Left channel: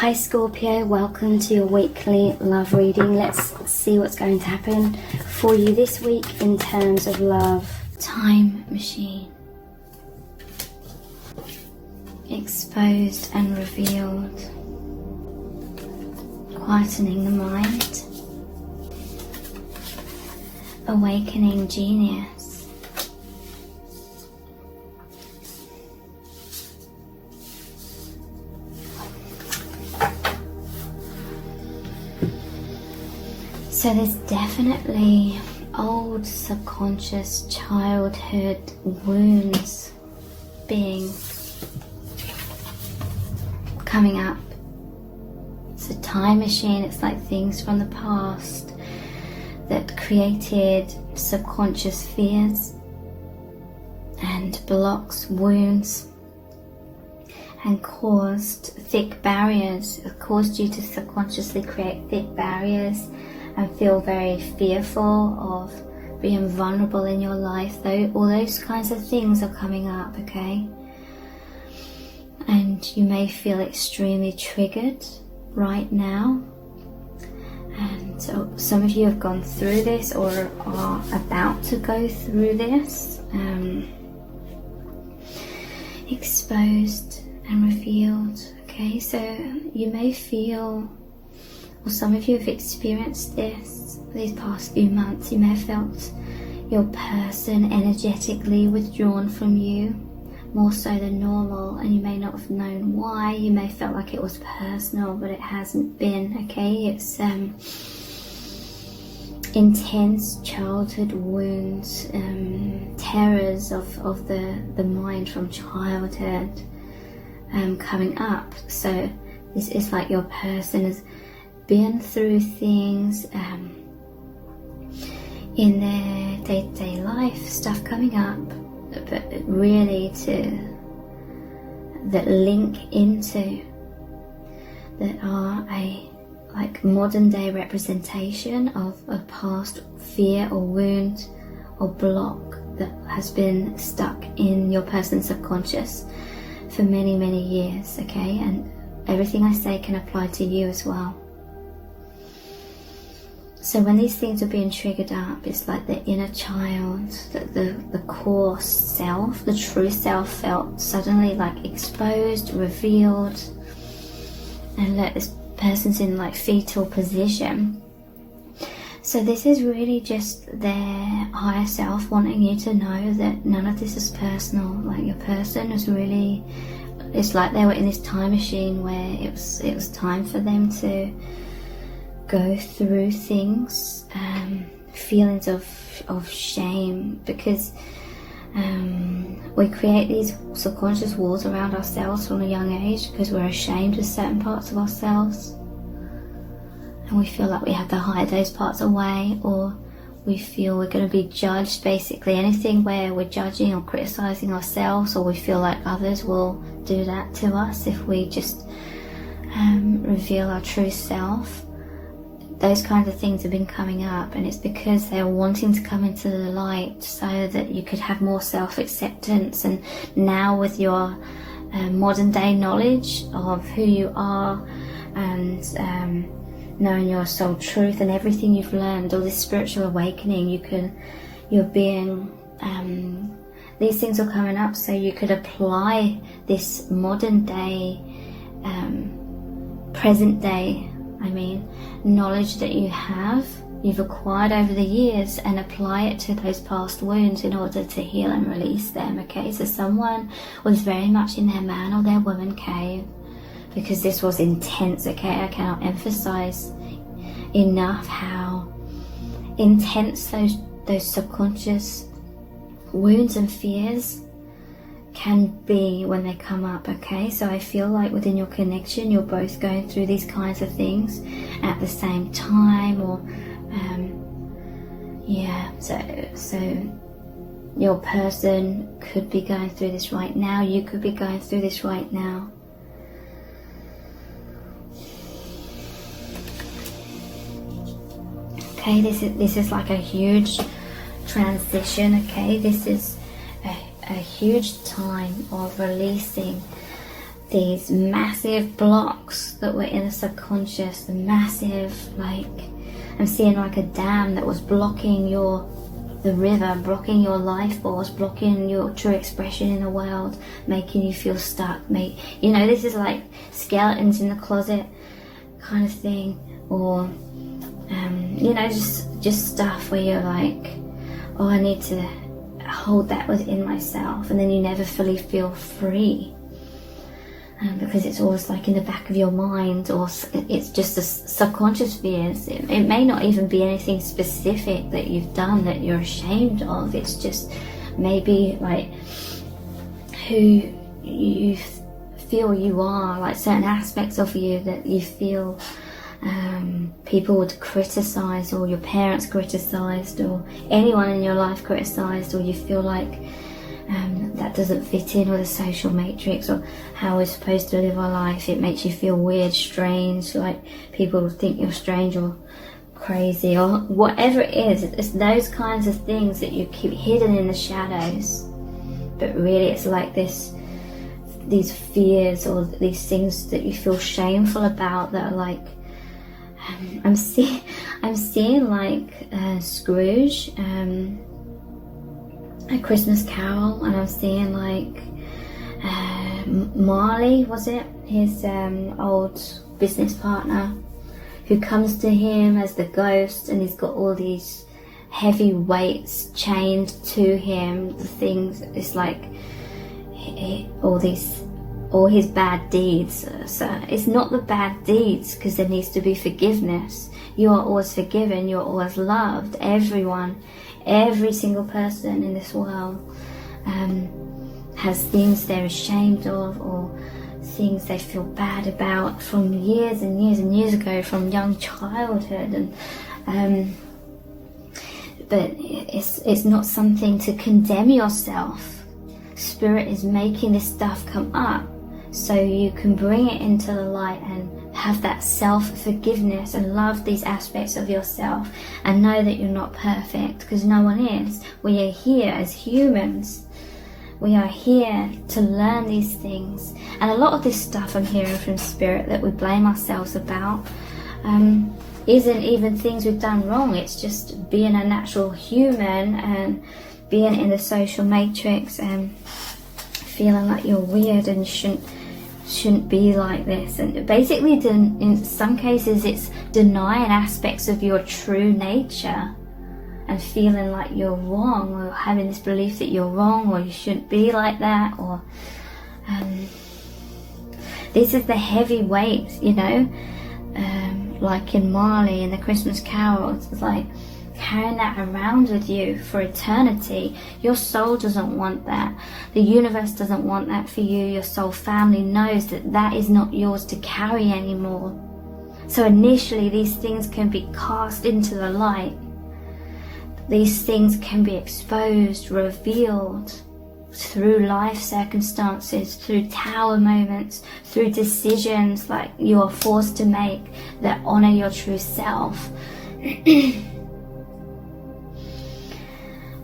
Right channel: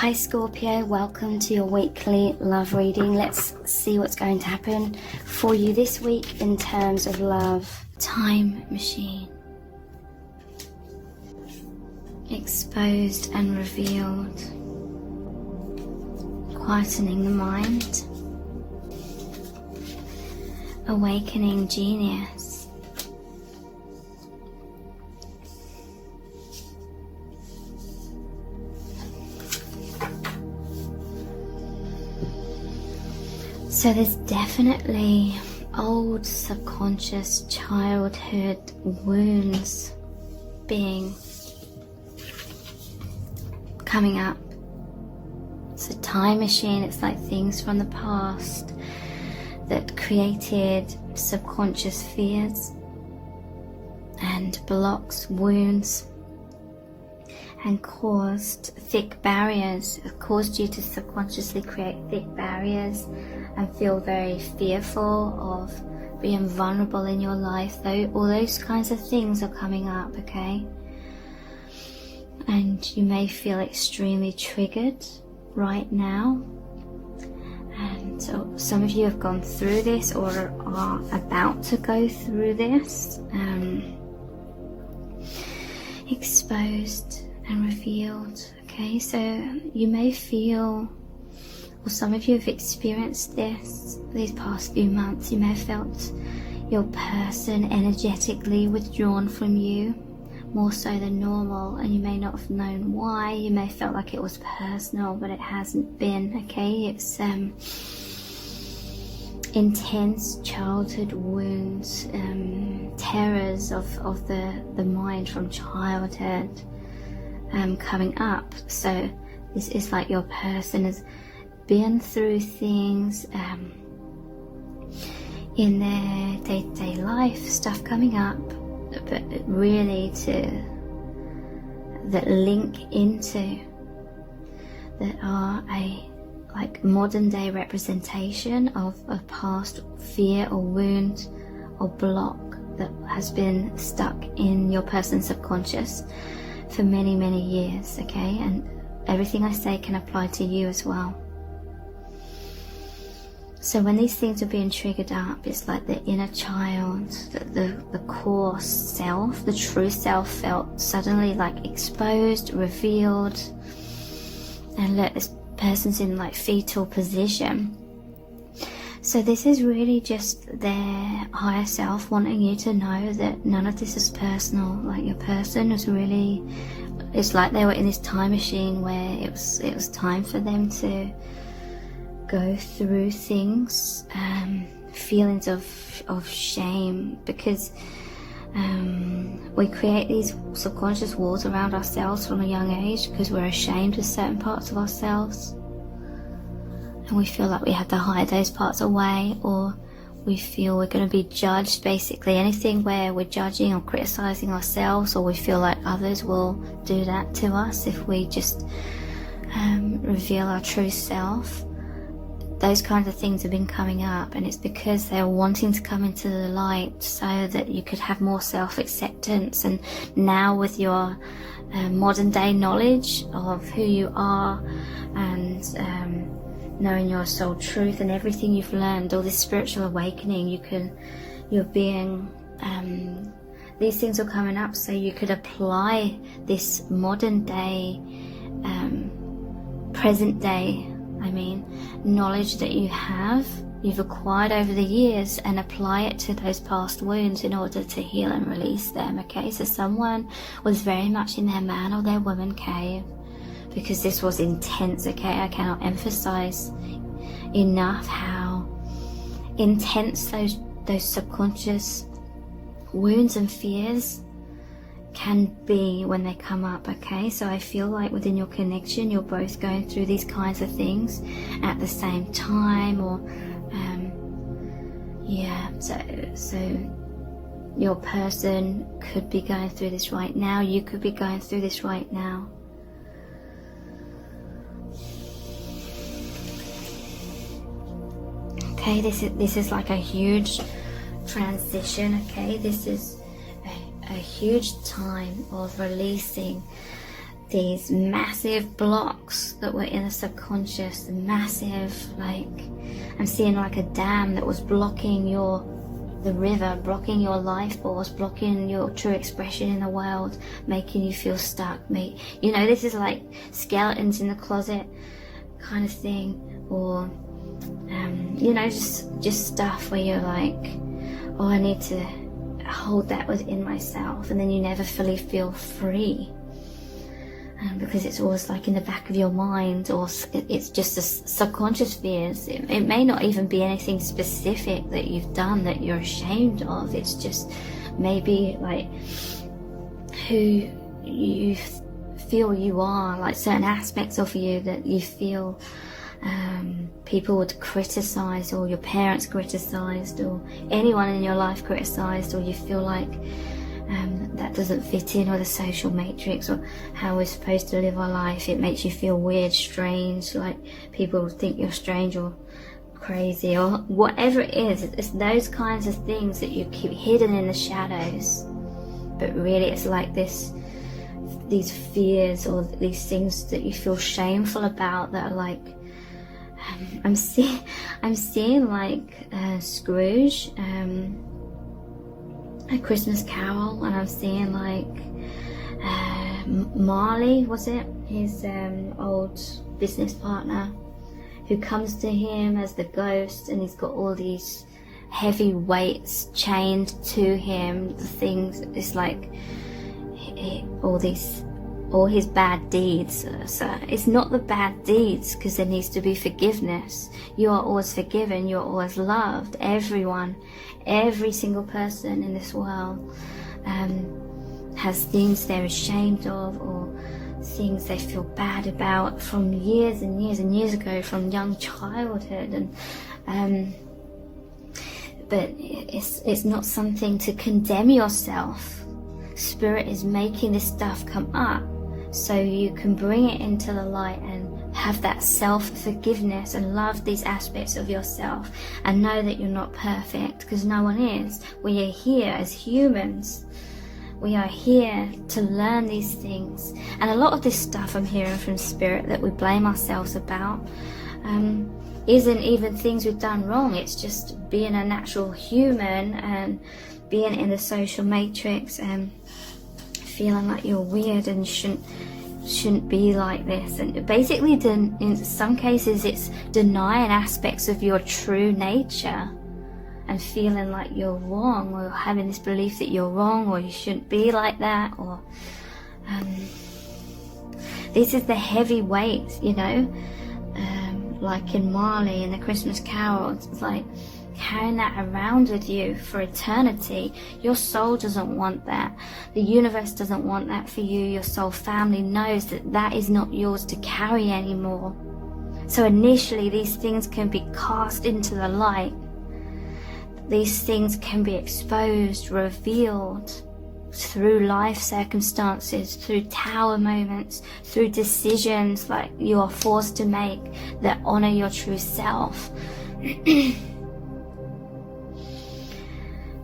Hi Scorpio, welcome to your weekly love reading. Let's see what's going to happen for you this week in terms of love. Time machine. Exposed and revealed. Quietening the mind. Awakening genius. So there's definitely old subconscious childhood wounds coming up. It's a time machine. It's like things from the past that created subconscious fears and blocks, wounds, and caused thick barriers. It caused you to subconsciously create thick barriers and feel very fearful of being vulnerable in your life. Though all those kinds of things are coming up, okay? And you may feel extremely triggered right now. And so some of you have gone through this or are about to go through this. Exposed and revealed, okay? So you may feel, or some of you have experienced this these past few months. You may have felt your person energetically withdrawn from you, more so than normal, and you may not have known why. You may have felt like it was personal, but it hasn't been, okay? It's intense childhood wounds, terrors of the mind from childhood coming up. So this is like your person has been through things in their day-to-day life, stuff coming up, but really that link into, that are a like modern day representation of a past fear or wound or block that has been stuck in your person's subconscious for many years, okay? And everything I say can apply to you as well. So when these things are being triggered up, it's like the inner child, the core self, the true self felt suddenly like exposed, revealed, and this person's in like fetal position. So this is really just their higher self wanting you to know that none of this is personal. Like your person is really, it's like they were in this time machine where it was time for them to go through things, feelings of shame, because we create these subconscious walls around ourselves from a young age because we're ashamed of certain parts of ourselves, and we feel like we have to hide those parts away, or we feel we're going to be judged. Basically anything where we're judging or criticizing ourselves, or we feel like others will do that to us if we just reveal our true self. Those kinds of things have been coming up, and it's because they're wanting to come into the light so that you could have more self-acceptance. And now with your modern day knowledge of who you are, and knowing your soul truth and everything you've learned, all this spiritual awakening, these things are coming up so you could apply this modern day, present day, knowledge that you've acquired over the years, and apply it to those past wounds in order to heal and release them, okay? So someone was very much in their man or their woman cave because this was intense, okay? I cannot emphasize enough how intense those subconscious wounds and fears can be when they come up, okay? So I feel like within your connection you're both going through these kinds of things at the same time, or so your person could be going through this right now, you could be going through this right now. Okay, this is like a huge transition, okay? This is a huge time of releasing these massive blocks that were in the subconscious, the massive, like, I'm seeing like a dam that was blocking the river, blocking your life force, blocking your true expression in the world, making you feel stuck. You know, this is like skeletons in the closet kind of thing, or you know, just stuff where you're like, oh, I need to hold that within myself, and then you never fully feel free, because it's always like in the back of your mind, or it's just the subconscious fears. It may not even be anything specific that you've done that you're ashamed of. It's just maybe like who you feel you are, like certain aspects of you that you feel people would criticize, or your parents criticized, or anyone in your life criticized, or you feel like that doesn't fit in with the social matrix or how we're supposed to live our life. It makes you feel weird, strange, like people will think you're strange or crazy, or whatever it is. It's those kinds of things that you keep hidden in the shadows, but really it's like these fears or these things that you feel shameful about, that are like, I'm seeing like Scrooge, A Christmas Carol, and I'm seeing like Marley, was it? His old business partner, who comes to him as the ghost, and he's got all these heavy weights chained to him. The things, it's like all his bad deeds. So it's not the bad deeds, because there needs to be forgiveness. You are always forgiven, you're always loved. Everyone, every single person in this world has things they're ashamed of, or things they feel bad about from years and years and years ago, from young childhood. And but it's not something to condemn yourself. Spirit is making this stuff come up so you can bring it into the light and have that self-forgiveness and love these aspects of yourself, and know that you're not perfect, because no one is. We are here as humans. We are here to learn these things. And a lot of this stuff I'm hearing from Spirit that we blame ourselves about isn't even things we've done wrong. It's just being a natural human and being in the social matrix and feeling like you're weird and shouldn't be like this. And basically, in some cases, it's denying aspects of your true nature and feeling like you're wrong, or having this belief that you're wrong, or you shouldn't be like that, or this is the heavy weight, you know, like in Marley in the Christmas Carol. It's like carrying that around with you for eternity. Your soul doesn't want that. The universe doesn't want that for you. Your soul family knows that that is not yours to carry anymore. So initially these things can be cast into the light. These things can be exposed, revealed through life circumstances, through tower moments, through decisions like you are forced to make that honor your true self.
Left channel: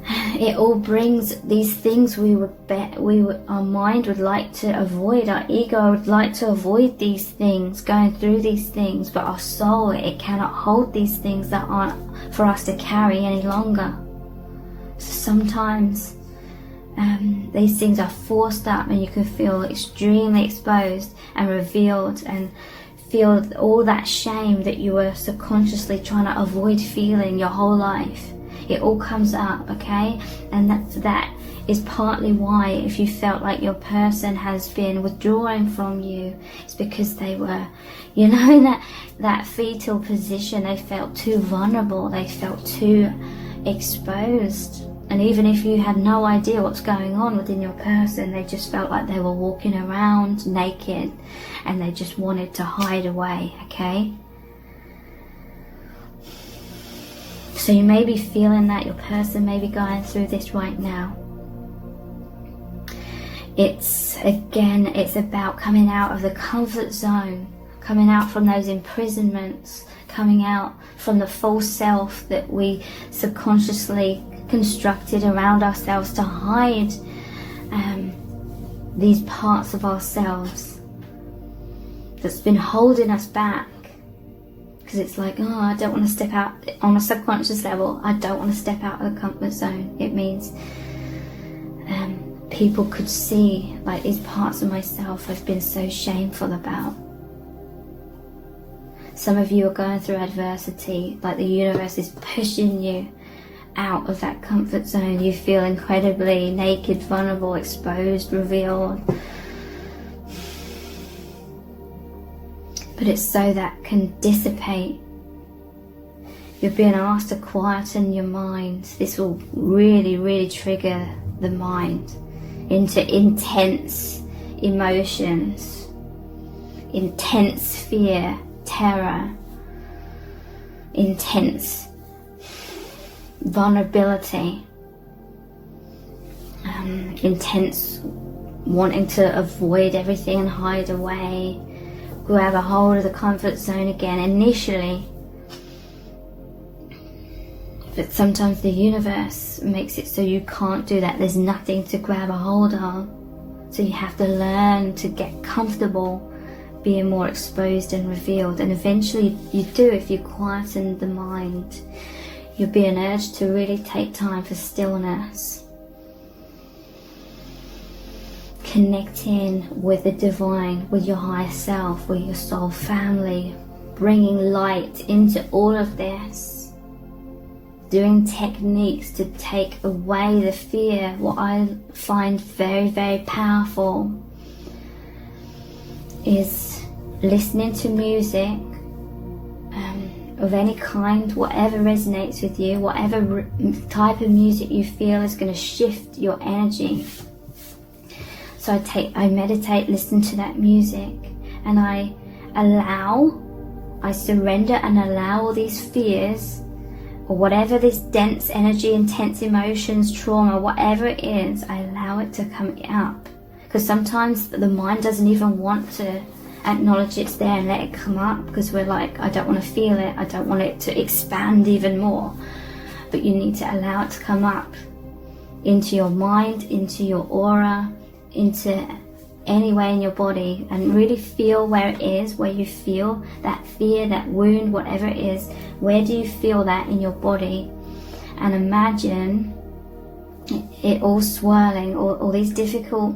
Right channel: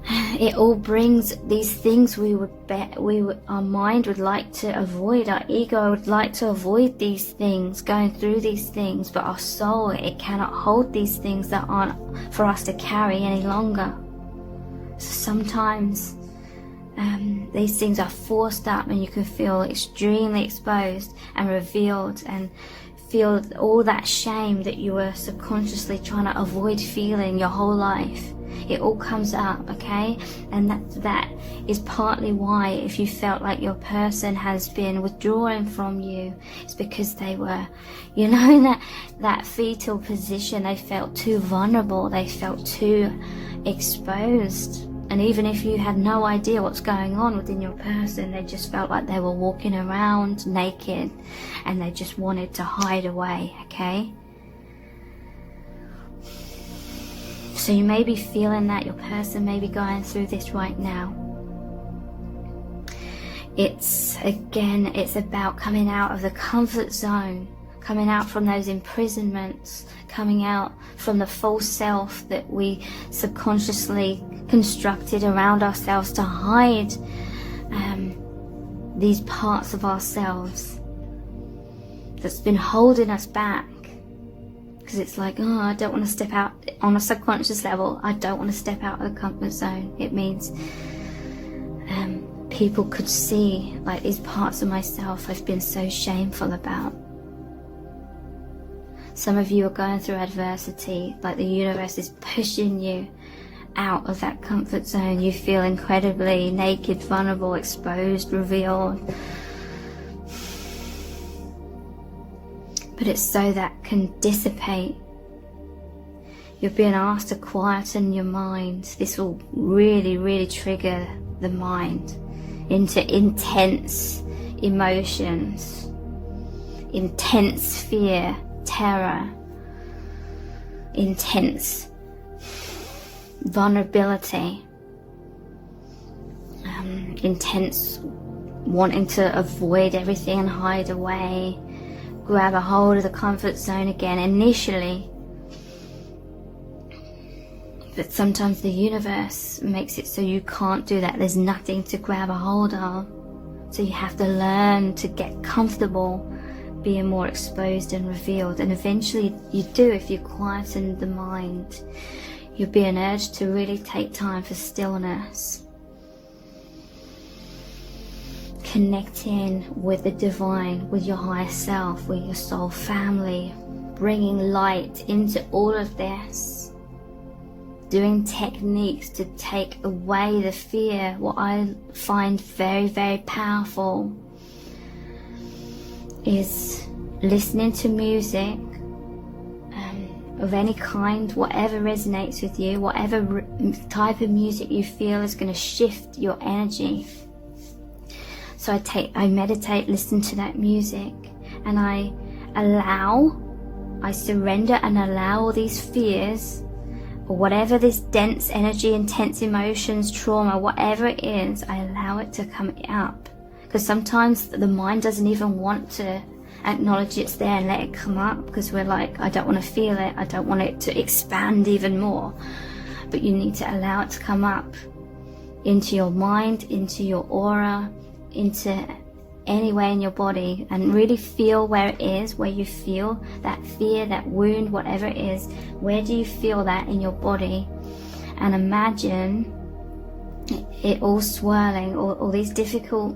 It all brings these things our mind would like to avoid. Our ego would like to avoid these things, going through these things, but our soul, it cannot hold these things that aren't for us to carry any longer. So sometimes these things are forced up, and you can feel extremely exposed and revealed, and feel all that shame that you were subconsciously trying to avoid feeling your whole life. It all comes up, okay? And that is partly why, if you felt like your person has been withdrawing from you, it's because they were, you know, in that fetal position. They felt too vulnerable, they felt too exposed. And even if you had no idea what's going on within your person, they just felt like they were walking around naked, and they just wanted to hide away, okay? So you may be feeling that, your person may be going through this right now. It's about coming out of the comfort zone, coming out from those imprisonments, coming out from the false self that we subconsciously constructed around ourselves to hide these parts of ourselves. that's been holding us back. Because it's like, oh, I don't want to step out. On a subconscious level, I don't want to step out of the comfort zone. It means people could see like these parts of myself I've been so shameful about. Some of you are going through adversity, like the universe is pushing you out of that comfort zone. You feel incredibly naked, vulnerable, exposed, revealed. But it's so that can dissipate. You're being asked to quieten your mind. This will really, really trigger the mind into intense emotions, intense fear, terror, intense vulnerability, intense wanting to avoid everything and hide away, grab a hold of the comfort zone again initially. But sometimes the universe makes it so you can't do that. There's nothing to grab a hold of. So you have to learn to get comfortable being more exposed and revealed. And eventually you do, if you quieten the mind. You'll be an urge to really take time for stillness. Connecting with the divine, with your higher self, with your soul family. Bringing light into all of this. Doing techniques to take away the fear. What I find very, very powerful is listening to music of any kind, whatever resonates with you, whatever type of music you feel is going to shift your energy. So I meditate, listen to that music, and I surrender and allow all these fears, or whatever this dense energy, intense emotions, trauma, whatever it is, I allow it to come up. Because sometimes the mind doesn't even want to acknowledge it's there and let it come up, because we're like, I don't want to feel it, I don't want it to expand even more. But you need to allow it to come up into your mind, into your aura, into anywhere in your body, and really feel where it is, where you feel that fear, that wound, whatever it is. Where do you feel that in your body? And imagine it all swirling, all these difficult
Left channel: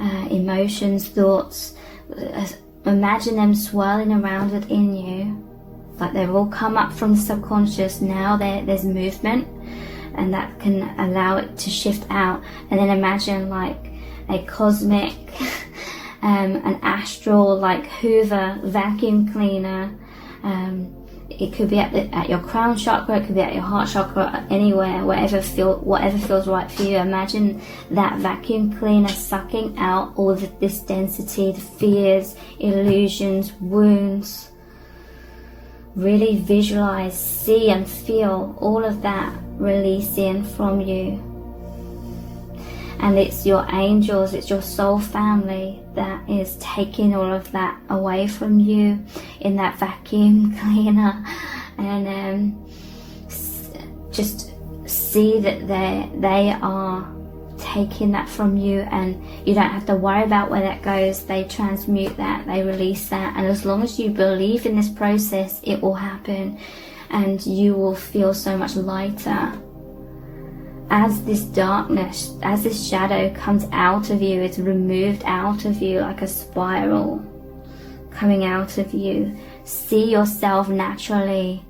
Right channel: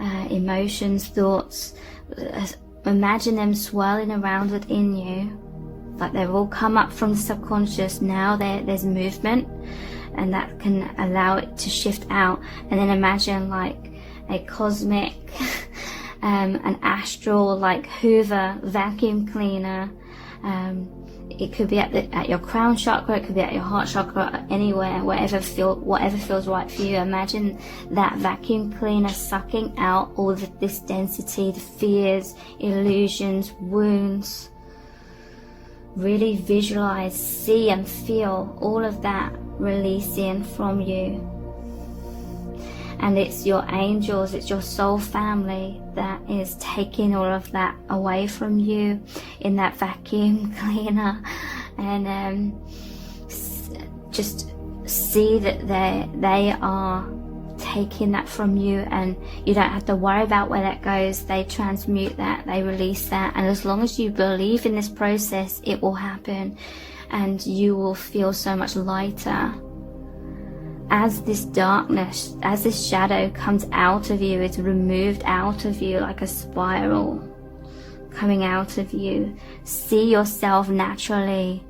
emotions, thoughts. Imagine them swirling around within you, like they've all come up from the subconscious. Now there's movement, and that can allow it to shift out. And then imagine like a cosmic, an astral, like Hoover vacuum cleaner. It could be at your crown chakra, it could be at your heart chakra, anywhere, whatever feels right for you. Imagine that vacuum cleaner sucking out all of this density, the fears, illusions, wounds. Really visualize, see and feel all of that releasing from you. And it's your angels, it's your soul family that is taking all of that away from you in that vacuum cleaner. And just see that they are taking that from you, and you don't have to worry about where that goes. They transmute that, they release that. And as long as you believe in this process, it will happen, and you will feel so much lighter. As this darkness, as this shadow comes out of you, it's removed out of you like a spiral coming out of you. See yourself naturally.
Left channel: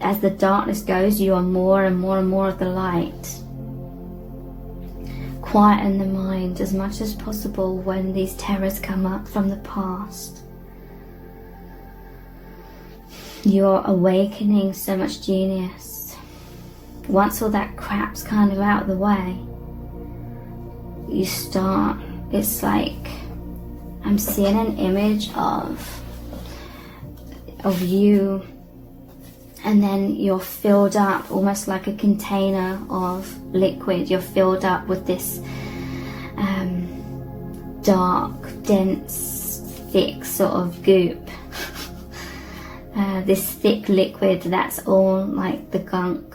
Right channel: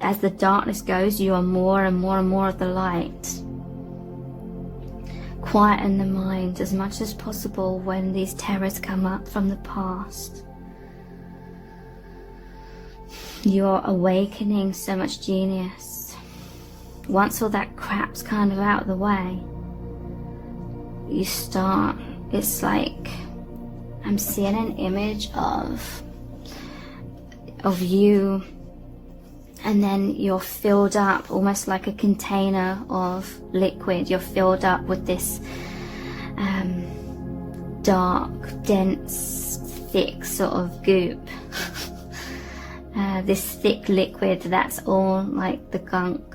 As the darkness goes, you are more and more and more of the light. Quieten the mind as much as possible when these terrors come up from the past. You're awakening so much genius. Once all that crap's kind of out of the way, you start, it's like, I'm seeing an image of you, and then you're filled up almost like a container of liquid. You're filled up with this dark, dense, thick sort of goop. This thick liquid that's all like the gunk.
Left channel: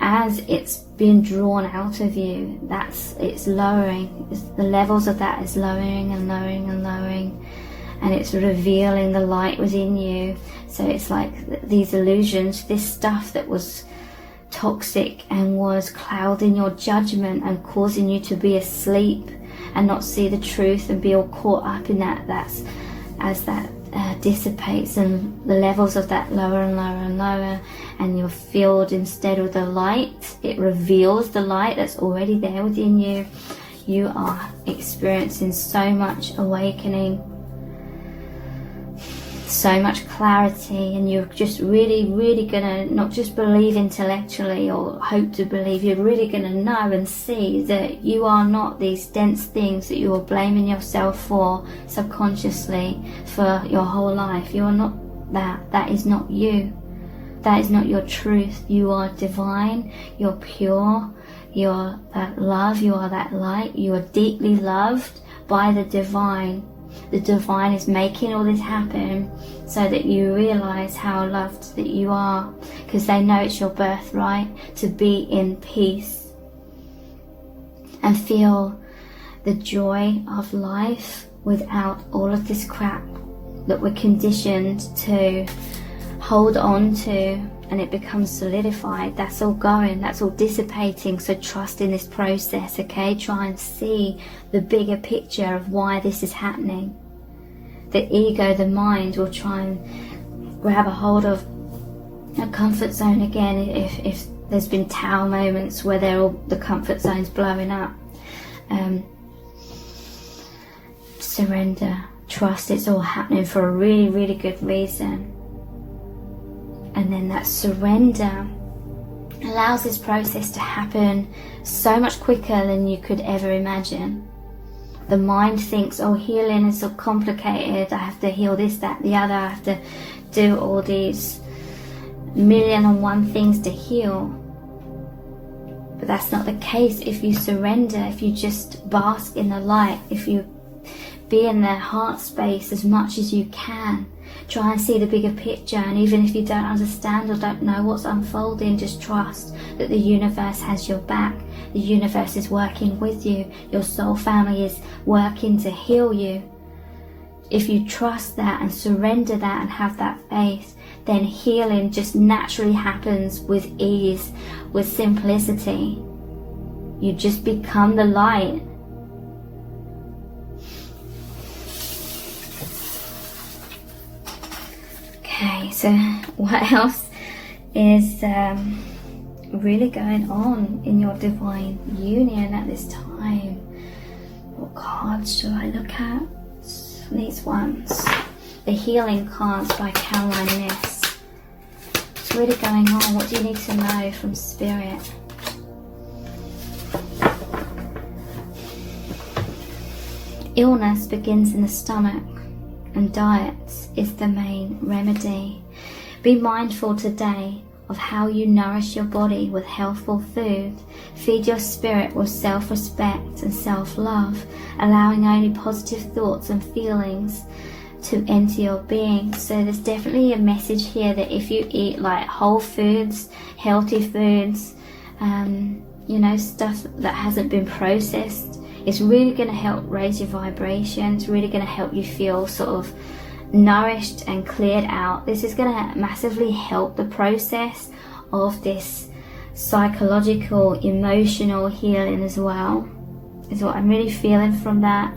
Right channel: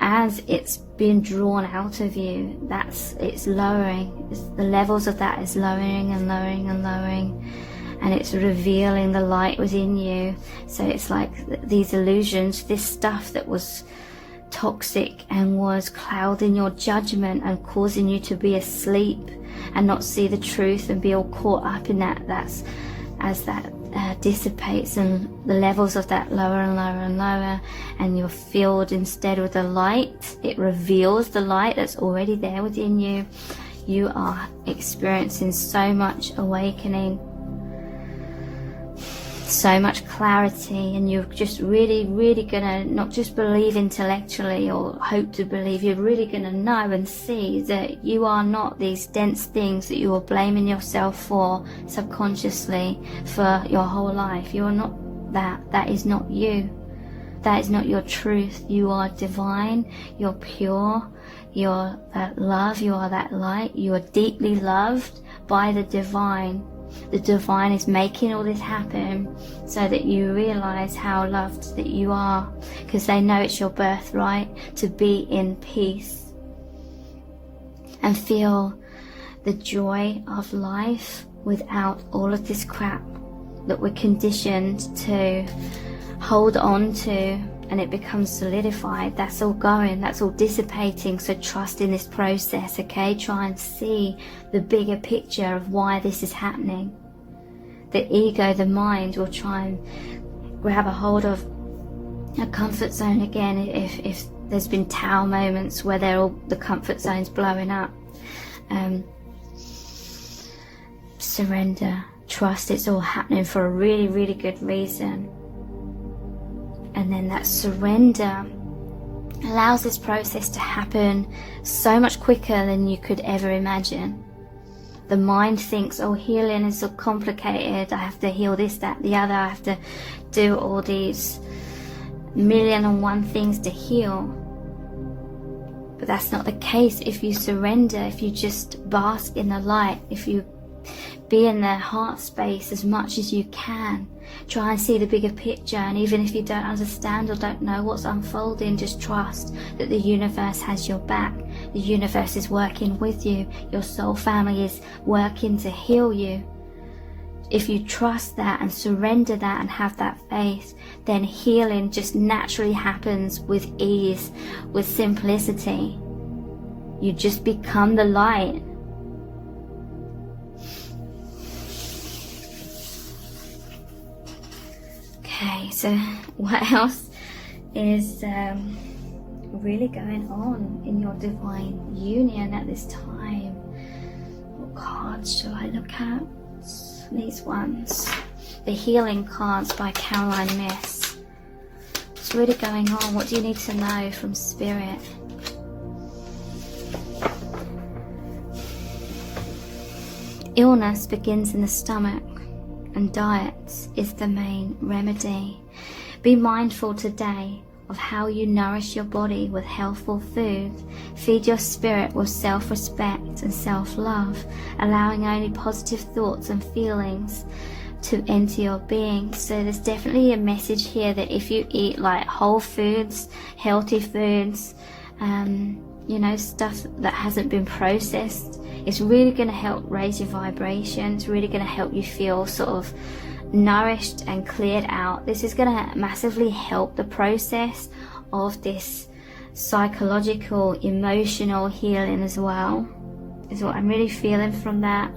as it's being drawn out of you, it's lowering. The levels of that is lowering and lowering and lowering, and it's revealing the light within you. So it's like these illusions, this stuff that was toxic and was clouding your judgment and causing you to be asleep and not see the truth and be all caught up in that. That's as that dissipates and the levels of that lower and lower and lower, and you're filled instead with the light. It reveals the light that's already there within you. You are experiencing so much awakening, so much clarity, and you're just really gonna not just believe intellectually or hope to believe, you're really gonna know and see that you are not these dense things that you are blaming yourself for subconsciously for your whole life. You are not that. That is not you. That is not your truth. You are divine, you're pure, you're that love, you are that light, you are deeply loved by the divine. The divine is making all this happen so that you realize how loved that you are, because they know it's your birthright to be in peace and feel the joy of life without all of this crap that we're conditioned to hold on to, and it becomes solidified. That's all going, that's all dissipating. So trust in this process, okay? Try and see the bigger picture of why this is happening. The ego, the mind, will try and grab a hold of a comfort zone again if there's been Tao moments where the comfort zone's blowing up. Surrender, trust, it's all happening for a really good reason. And then that surrender allows this process to happen so much quicker than you could ever imagine. The mind thinks, oh, healing is so complicated, I have to heal this, that, the other, I have to do all these 1,000,001 things to heal. But that's not the case if you surrender, if you just bask in the light, if you be in the heart space as much as you can. Try and see the bigger picture, and even if you don't understand or don't know what's unfolding, just trust that the universe has your back. The universe is working with you. Your soul family is working to heal you. If you trust that and surrender that and have that faith, then healing just naturally happens with ease, with simplicity. You just become the light. Okay, so what else is really going on in your divine union at this time? What cards should I look at? These ones. The Healing Cards by Caroline Miss. What's really going on? What do you need to know from Spirit? Illness begins in the stomach, and diet is the main remedy. Be mindful today of how you nourish your body with healthful food. Feed your spirit with self-respect and self-love, allowing only positive thoughts and feelings to enter your being. So there's definitely a message here that if you eat like whole foods, healthy foods, stuff that hasn't been processed, it's really going to help raise your vibration. It's really going to help you feel sort of nourished and cleared out. This is going to massively help the process of this psychological, emotional healing as well, is what I'm really feeling from that.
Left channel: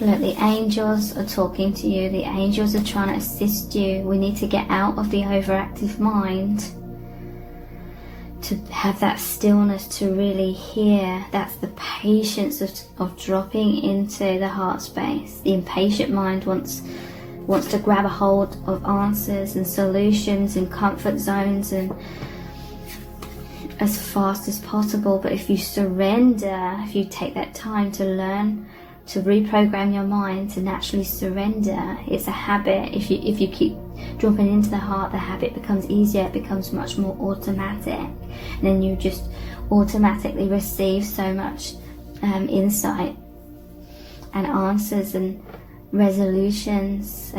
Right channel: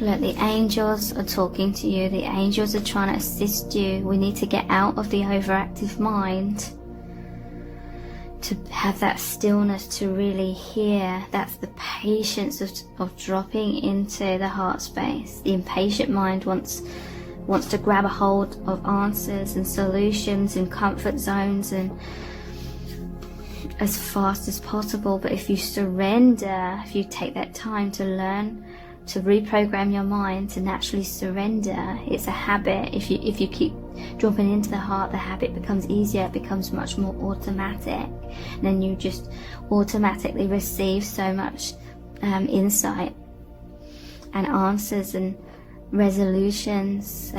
Look, the angels are talking to you. The angels are trying to assist you. We need to get out of the overactive mind to have that stillness to really hear. That's the patience of dropping into the heart space. The impatient mind wants to grab a hold of answers and solutions and comfort zones and as fast as possible. But if you surrender, if you take that time to learn to reprogram your mind to naturally surrender. It's a habit. If you keep dropping into the heart, the habit becomes easier, it becomes much more automatic, and then you just automatically receive so much insight and answers and resolutions.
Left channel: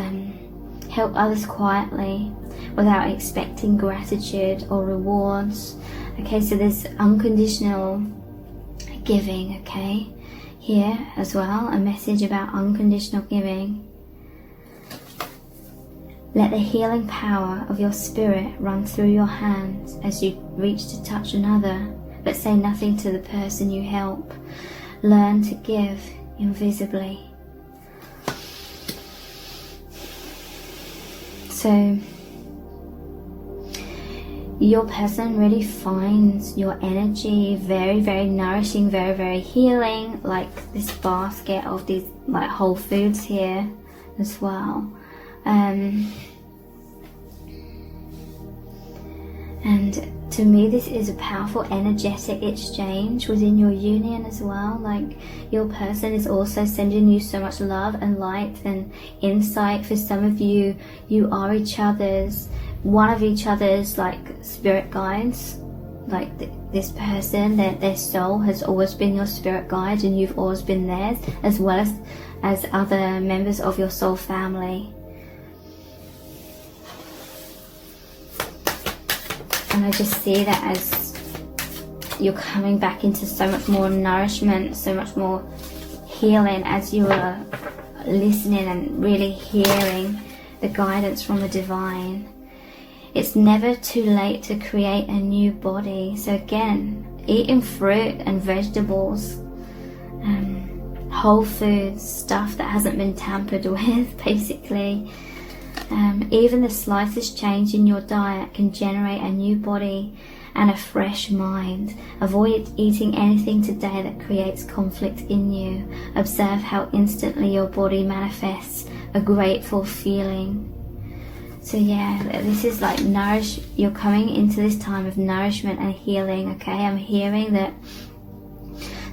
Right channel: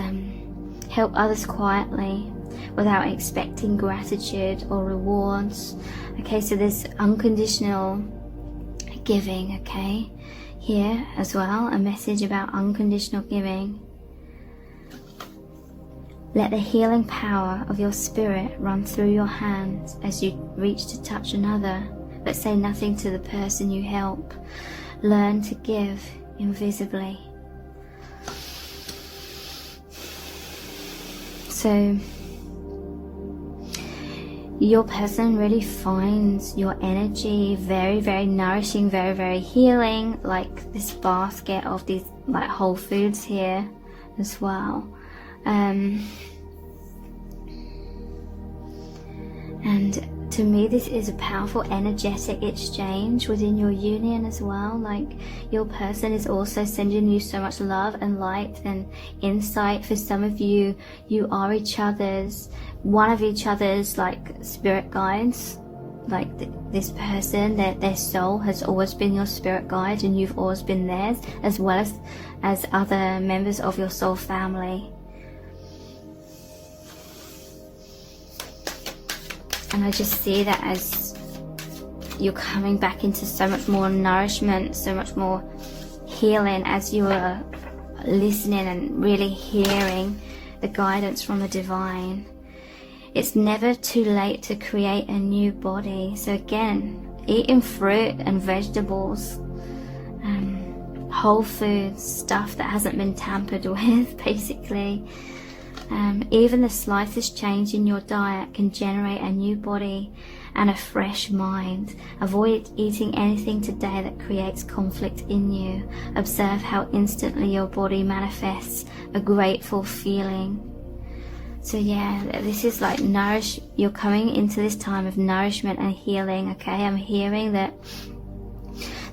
Help others quietly without expecting gratitude or rewards. Okay, so there's unconditional giving, okay, here as well, a message about unconditional giving. Let the healing power of your spirit run through your hands as you reach to touch another, but say nothing to the person you help. Learn to give invisibly. So your person really finds your energy very, very nourishing, very, very healing, like this basket of these like whole foods here as well. And to me, this is a powerful energetic exchange within your union as well. Like, your person is also sending you so much love and light and insight. For some of you, you are one of each other's like spirit guides. Like this person, their soul has always been your spirit guide, and you've always been theirs, as well as other members of your soul family. And I just see that as you're coming back into so much more nourishment, so much more healing, as you are listening and really hearing the guidance from the divine. It's never too late to create a new body. So again, eating fruit and vegetables, whole foods, stuff that hasn't been tampered with, basically. Even the slightest change in your diet can generate a new body and a fresh mind. Avoid eating anything today that creates conflict in you. Observe how instantly your body manifests a grateful feeling. So yeah, this is like you're coming into this time of nourishment and healing, okay? I'm hearing that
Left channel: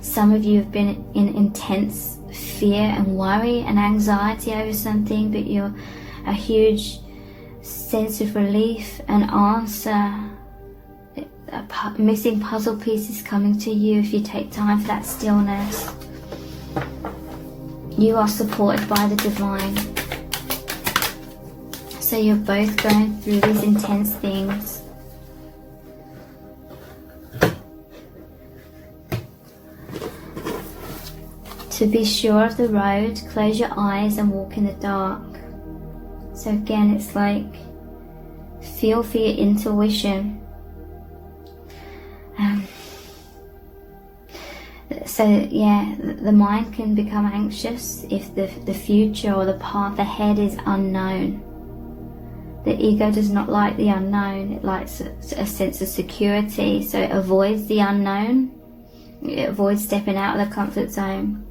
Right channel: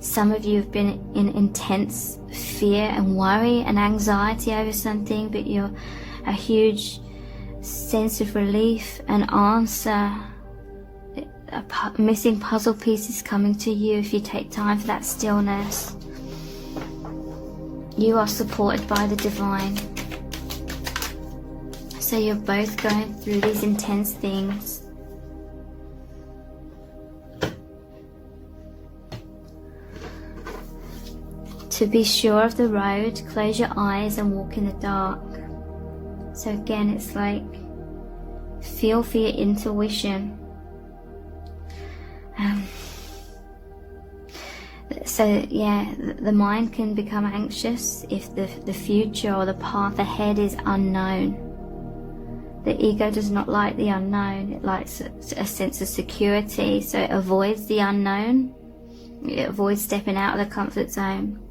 some of you have been in intense fear and worry and anxiety over something, but you're a huge sense of relief and answer. Missing puzzle pieces coming to you if you take time for that stillness. You are supported by the divine. So you're both going through these intense things. To be sure of the road, close your eyes and walk in the dark. So again, it's like, feel for your intuition. So yeah, the mind can become anxious if the future or the path ahead is unknown. The ego does not like the unknown. It likes a sense of security, so it avoids the unknown. It avoids stepping out of the comfort zone.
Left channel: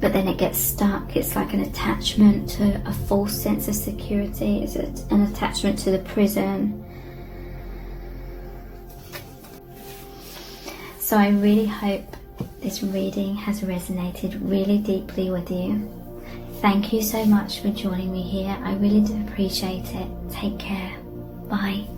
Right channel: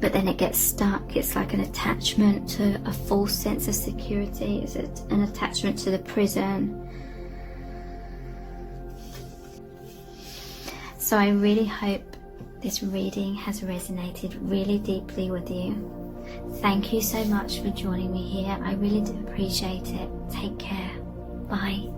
But then it gets stuck. It's like an attachment to a false sense of security. It's an attachment to the prison. So I really hope this reading has resonated really deeply with you. Thank you so much for joining me here. I really do appreciate it. Take care. Bye.